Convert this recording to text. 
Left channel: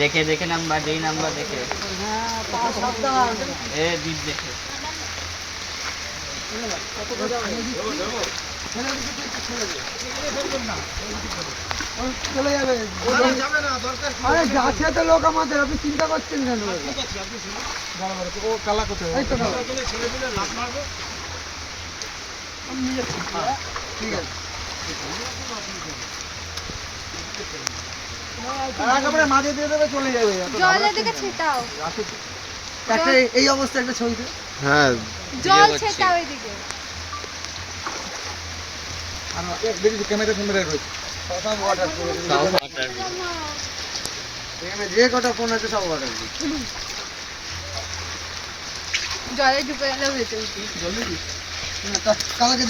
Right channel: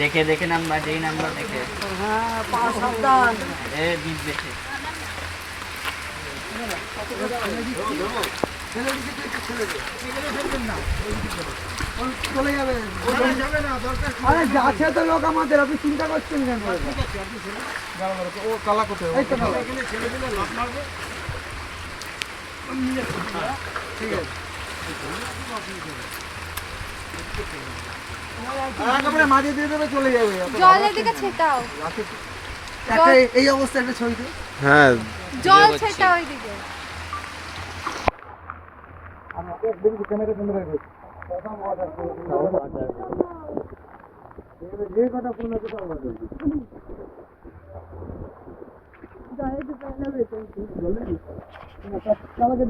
দেখে দেখে নাম্বার, যেই নাম্বার দেখে দিস দেখে চলে যাবে। আরে গাছে তো লোক আমাদের, আপনি চিন্তা করছেন কেন? ও কালা কোথায়? ঠিক আছে, মাঝে দিয়ে দেবে, চলে যাবে। জলের দিকে ছেটাও, এই অবস্থা একটা ছবিতে। হ্যাঁ, জল ছেটাও এইদিকে। দেখি ক্যামেরা রয়েছে, যে কটা ফোন আছে সব জলে ঢুকে গেলে কালকে